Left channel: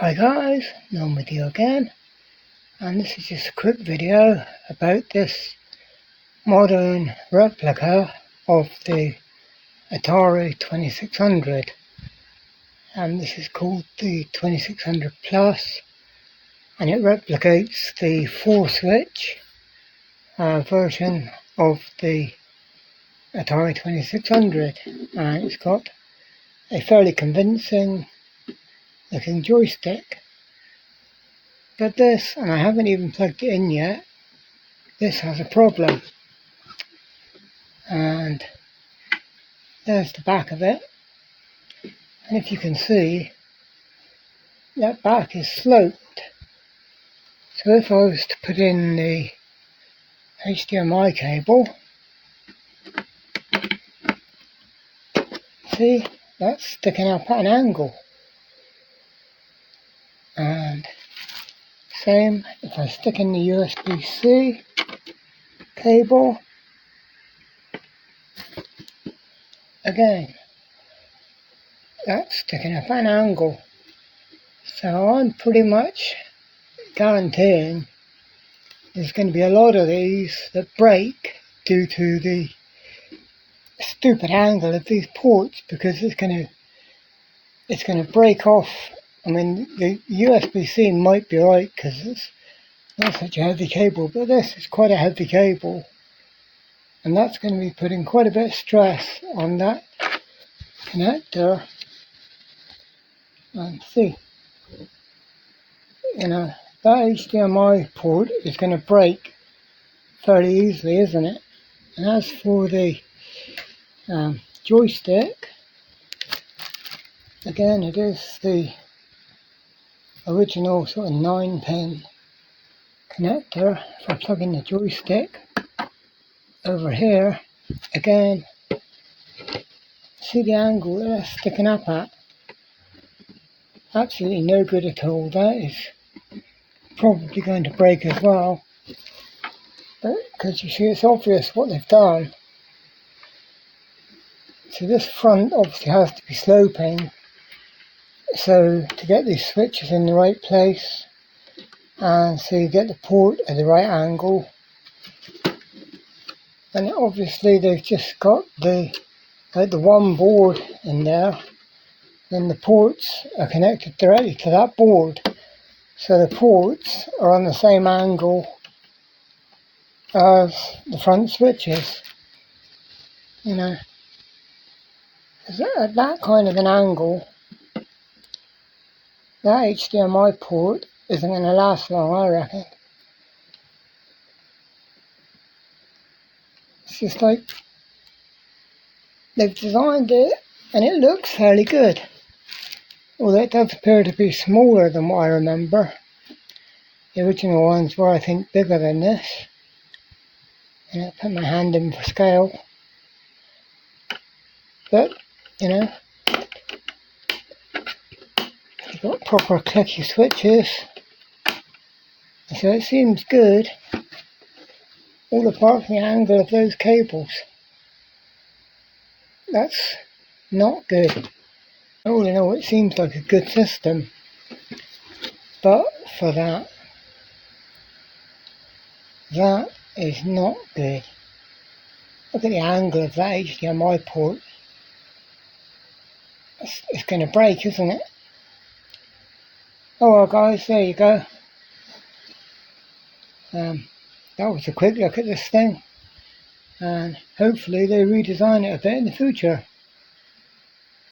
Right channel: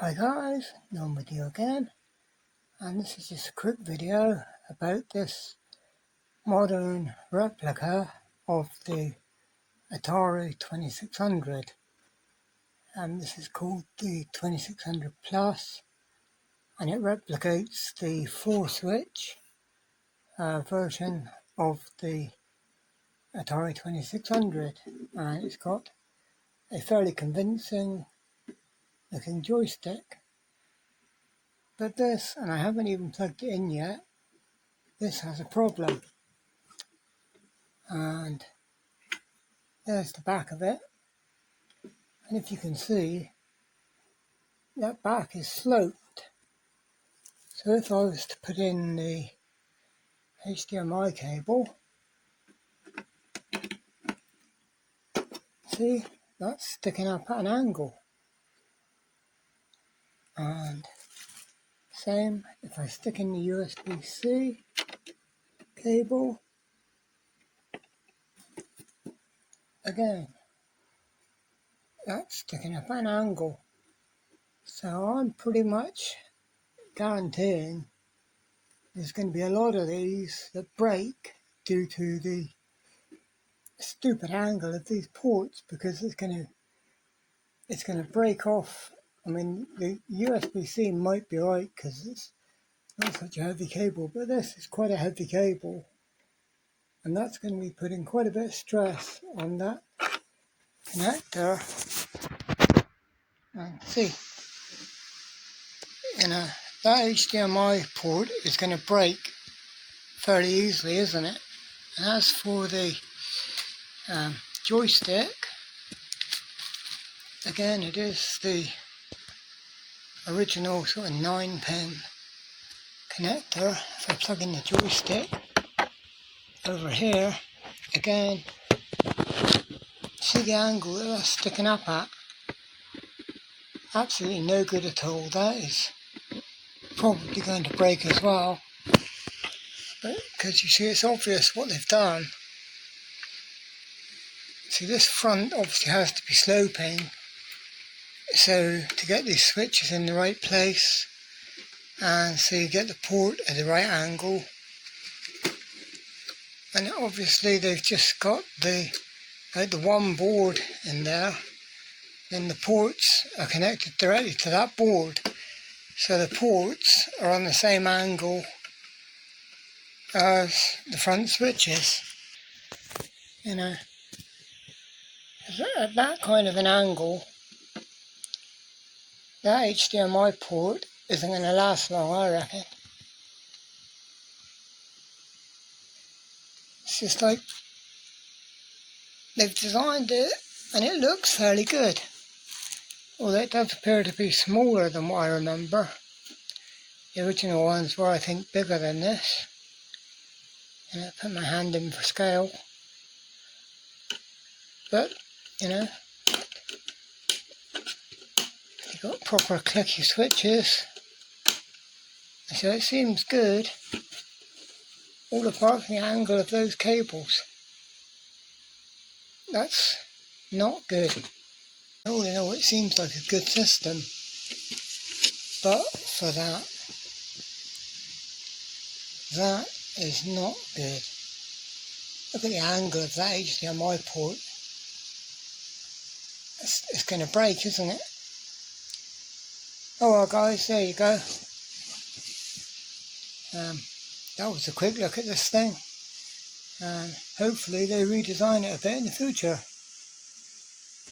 Hi guys, I'm with you again, and this is just a quick video about this modern replica of the Atari 2600, and this is called the 2600 Plus, and it replicates the 4-switch version of the Atari 2600, and it's got a fairly convincing looking joystick. But this, and I haven't even plugged it in yet, this has a problem. And there's the back of it. And if you can see, that back is sloped. So if I was to put in the HDMI cable, see, that's sticking up at an angle. And same if I stick in the USB-C cable, again, that's sticking up at an angle. So I'm pretty much guaranteeing there's going to be a lot of these that break due to the stupid angle of these ports, because it's going to break off. I mean, the USB-C might be right because it's not such a heavy cable, but this is quite a heavy cable, and that's going to be putting quite a bit of stress on that connector. And see, that HDMI port is going to break fairly easily, isn't it? And as for the joystick, again, it is the original sort of 9-pin connector. If I plug in the joystick over here, again, see the angle that that's sticking up at? Absolutely no good at all. That is probably going to break as well. But because you see, it's obvious what they've done. So this front obviously has to be sloping, so to get these switches in the right place, and so you get the port at the right angle. And obviously they've just got the one board in there, then the ports are connected directly to that board, so the ports are on the same angle as the front switches. At that kind of an angle, that HDMI port isn't going to last long, I reckon. It's just like they've designed it and it looks fairly good, although it does appear to be smaller than what I remember. The original ones were, I think, bigger than this. And I put my hand in for scale. But, you've got proper clicky switches. So it seems good, all apart from the angle of those cables. That's not good. All in all, it seems like a good system. But for that is not good. Look at the angle of that HDMI port. It's going to break, isn't it? Oh well guys, there you go. That was a quick look at this thing, and hopefully they redesign it a bit in the future.